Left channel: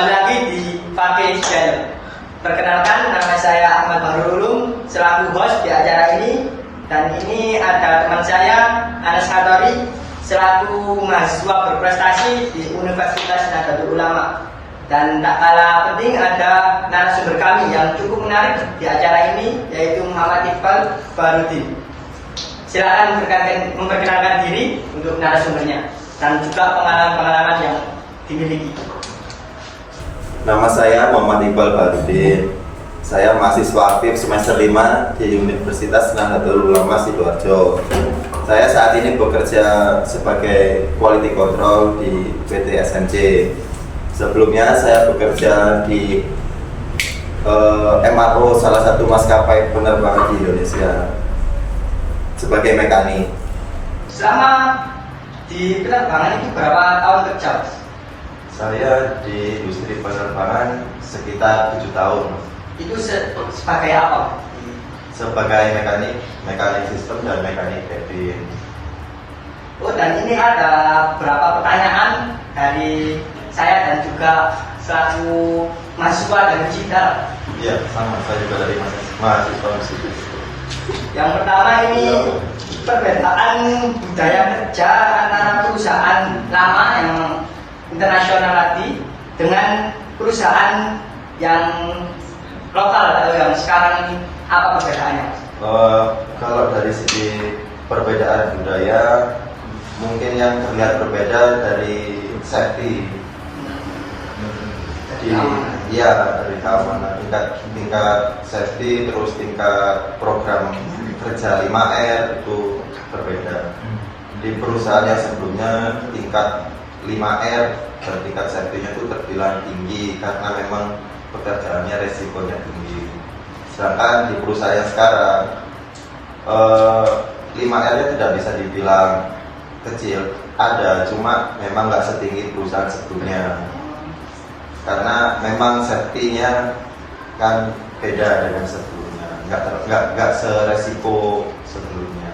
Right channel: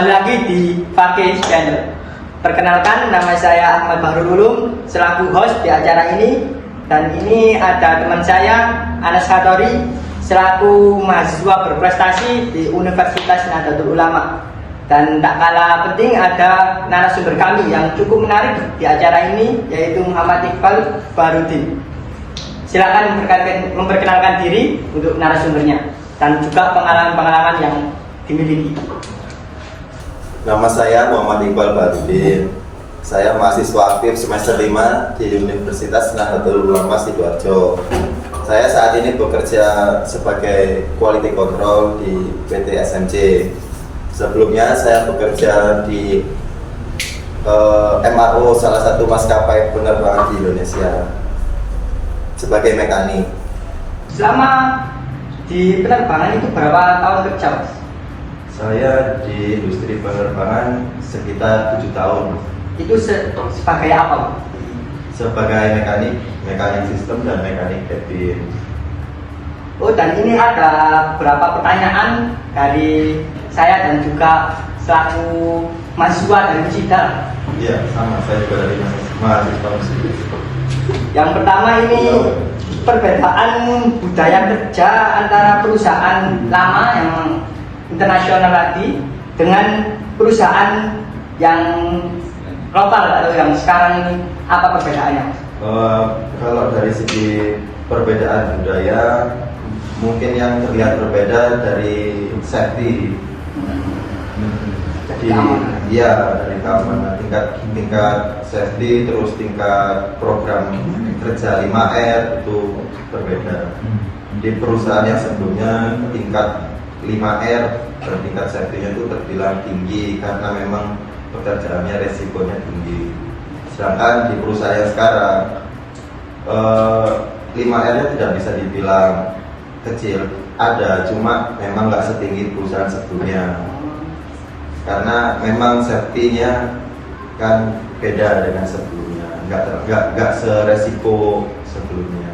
kembali lagi di Fakih Channel. Perkenalkan, nama saya Ahmad Bahrul Ulum selaku host di acara ini, dan ini ada teman saya Anas Hatori selaku mahasiswa berprestasi di Universitas Nahdlatul Ulama. Dan tak kalah penting ada narasumber kami yang cukup menarik di acara ini, yaitu Muhammad Iqbal Barudin. Silakan memperkenalkan diri untuk narasumbernya dan juga pengalaman-pengalaman yang dimiliki. Nama saya Muhammad Iqbal Barudin. Saya mahasiswa aktif semester 5 di Universitas Nahdlatul Ulama Sidoarjo. Saya saat ini bekerja sebagai quality control di PT SMC. Sebelumnya saya bekerja di MRO salah satu maskapai penerbangan di Indonesia sebagai mekanik. Selama di penerbangan itu berapa tahun kerja? Saya di industri penerbangan sekitar 7 tahun. Itu sebagai apa? Sebagai mekanik sistem dan mekanik cabin. Oh, dan ini ada beberapa pertanyaan dari saya dan juga selaku mahasiswa dari Musida. Iya, sama, saya juga dari mahasiswa musik. Yang pertama ini perbedaan budaya kerja antara perusahaan lama yang internasional tadi dengan perusahaan yang lokal atau yang sekarang ini, apa perbedaannya? Kalau dari segi perbedaan budaya, mungkin yang terlihat berbeda dari safety. Jadi ya dari keamanan, tingkat safety, terus tingkat program kerja 5R itu berbeda. Di perusahaan yang sebelumnya tingkat 5R dan tingkat safety-nya itu terbilang tinggi karena memang pekerjaannya resikonya tinggi. Sedangkan di perusahaan yang sekarang 5R-nya tidak bisa dibilang kecil, ada, cuma memang nggak setinggi perusahaan sebelumnya karena memang safety-nya kan beda dengan sebelumnya, nggak seresiko sebelumnya.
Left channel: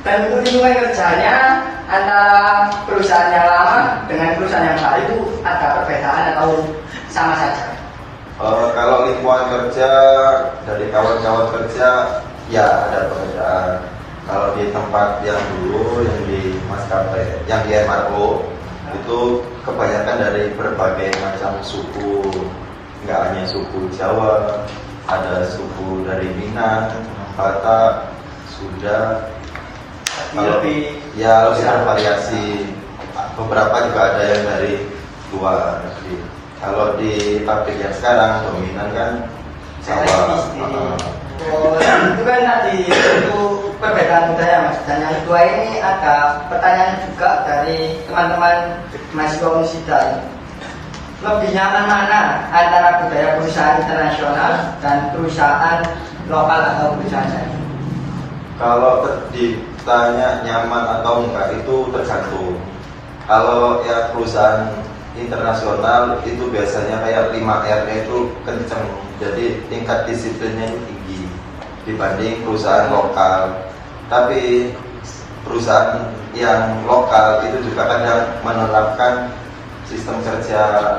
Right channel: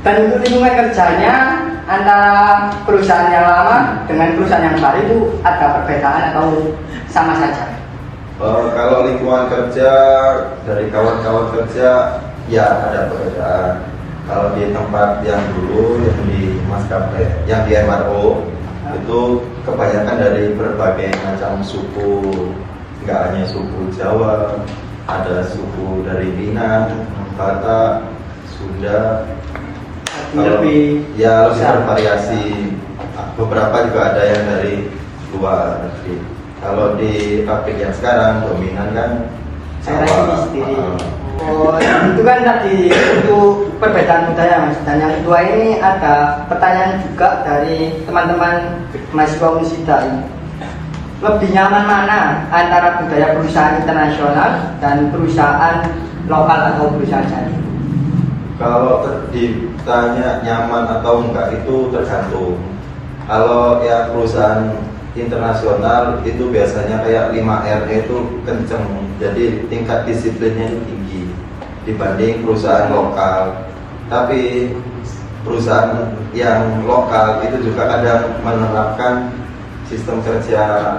Dan untuk lingkungan kerjanya antara perusahaan yang lama dengan perusahaan yang baru itu ada perbedaan atau sama saja? Kalau lingkungan kerja dari kawan-kawan kerja ya ada perbedaan. Kalau di tempat yang dulu, yang di maskapai, yang di MRO itu kebanyakan dari berbagai macam suku, nggak hanya suku Jawa, ada suku dari Minang, Batak, Sunda. Lebih bervariasi. Beberapa juga ada yang dari luar negeri. Kalau di pabrik yang sekarang dominan kan Jawa. Oh, itu kan tadi untuk perbedaan budaya. Dan yang kedua ini ada pertanyaan juga dari teman-teman mahasiswa Musida ini. Lebih nyaman mana antara budaya perusahaan internasional dan perusahaan lokal atau perusahaan saya? Kalau ditanya nyaman atau enggak itu tergantung. Kalau yang perusahaan internasional itu biasanya kayak 5R itu kenceng, jadi tingkat disiplinnya tinggi dibanding perusahaan lokal. Tapi perusahaan yang lokal itu juga kadang menerapkan sistem kerja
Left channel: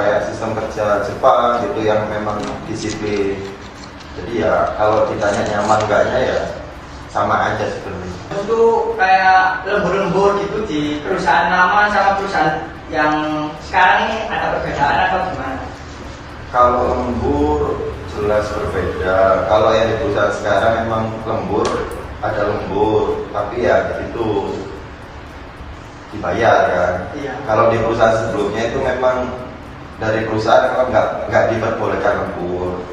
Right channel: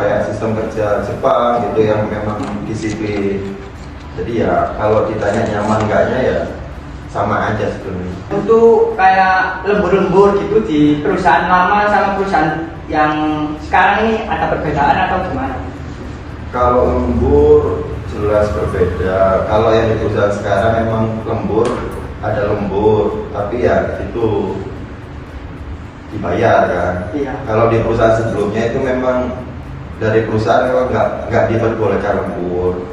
kayak sistem kerja Jepang gitu yang memang disiplin. Jadi ya kalau ditanya nyaman enggaknya ya sama aja sebenarnya. Untuk kayak lembur-lembur gitu di perusahaan lama sama perusahaan yang sekarang ini ada perbedaan atau gimana? Kalau lembur jelas berbeda. Kalau yang di perusahaan sekarang memang lembur, ada lembur, tapi ya itu dibayar kan. Iya. Kalau di perusahaan sebelumnya itu memang dari perusahaan memang nggak diperbolehkan lembur.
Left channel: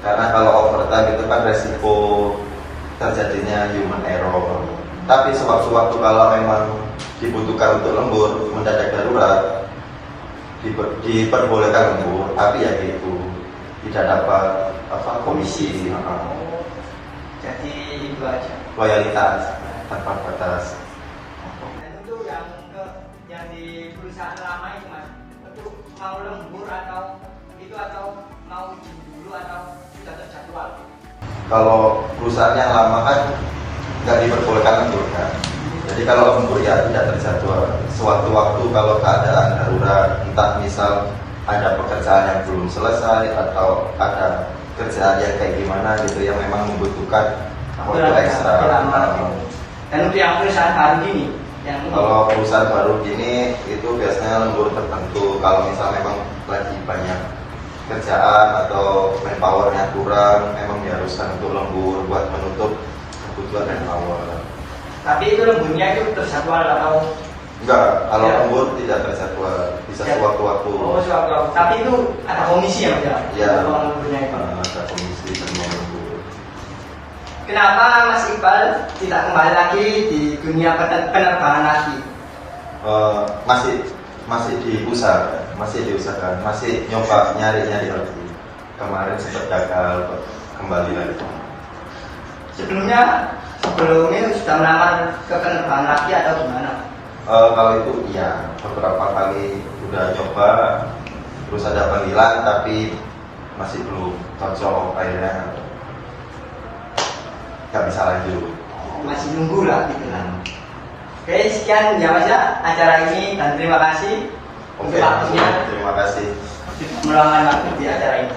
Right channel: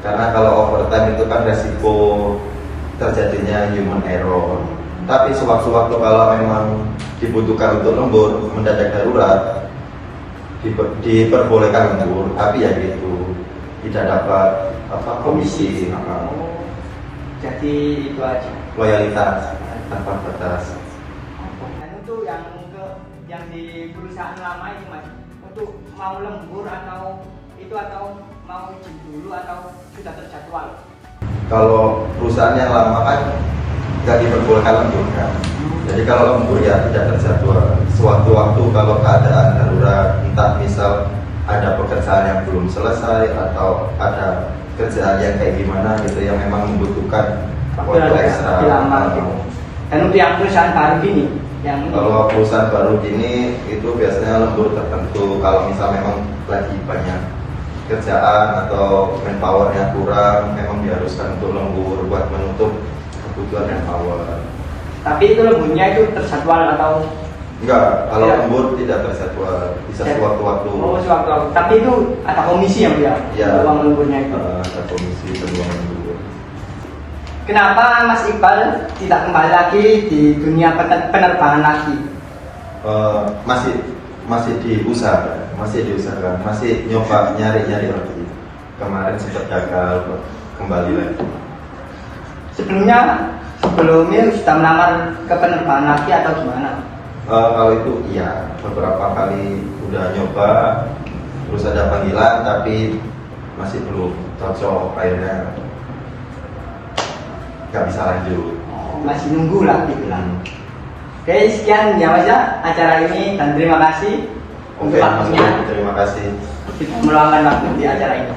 Karena kalau overtime itu kan resiko terjadinya human error. Tapi sewaktu-waktu kalau memang dibutuhkan untuk lembur, mendadak darurat, diperbolehkan lembur. Tapi ya gitu, tidak dapat komisi. Jadi itu aja. Loyalitas tanpa batas. Dan untuk yang di perusahaan lama ini mas, untuk mau lembur atau mau izin dulu atau sudah terjadwal? Kalau perusahaan yang lama kan nggak diperbolehkan lembur kan. Jadi kalau lembur ya tidak terjadwal. Sewaktu-waktu kalau keadaan darurat, entah misal ada pekerjaan yang belum selesai atau ada kerjaan yang kayak gimana gitu yang memang membutuhkan waktu ekstra. Dan untuk yang perusahaan baru gini, yang ini. Kalau perusahaan baru gini itu biasanya lembur tertentu. Kalau misal memang lagi banyak kerjaan atau manpowernya kurang, memang diharuskan untuk lembur buat menutup kebutuhan manpower. Tapi itu lemburnya itu terjadwal atau Enggak, kalau Ya. lembur tidak terjadwal, bisa Ya. sewaktu-waktu. oh sewaktu-waktu. Tapi itu ada komisi ya Bu ya? Ya. Uang lemburnya itu. Ada komisi dan uang lembur. Kenapa Mas Iqbal tidak kembali lagi di dunia penerbangan lagi? Masih diusahakan, masih nyoba nyari-nyari lagi. Kemarin sempat gagal buat kembali lagi. Sebelumnya sudah melamar ke penerbangan lagi atau gimana? Kalau itu iya, beberapa kali udah nyoba, terus ada panggilan tapi masih belum cocok, akhirnya nggak bisa lanjut. Masih nunggu lah gitu lah. Oke, sekian ya Mas ya acara ini dan terima kasih Oke, untuk waktunya terima kasih. meluangkan waktu di acara ini.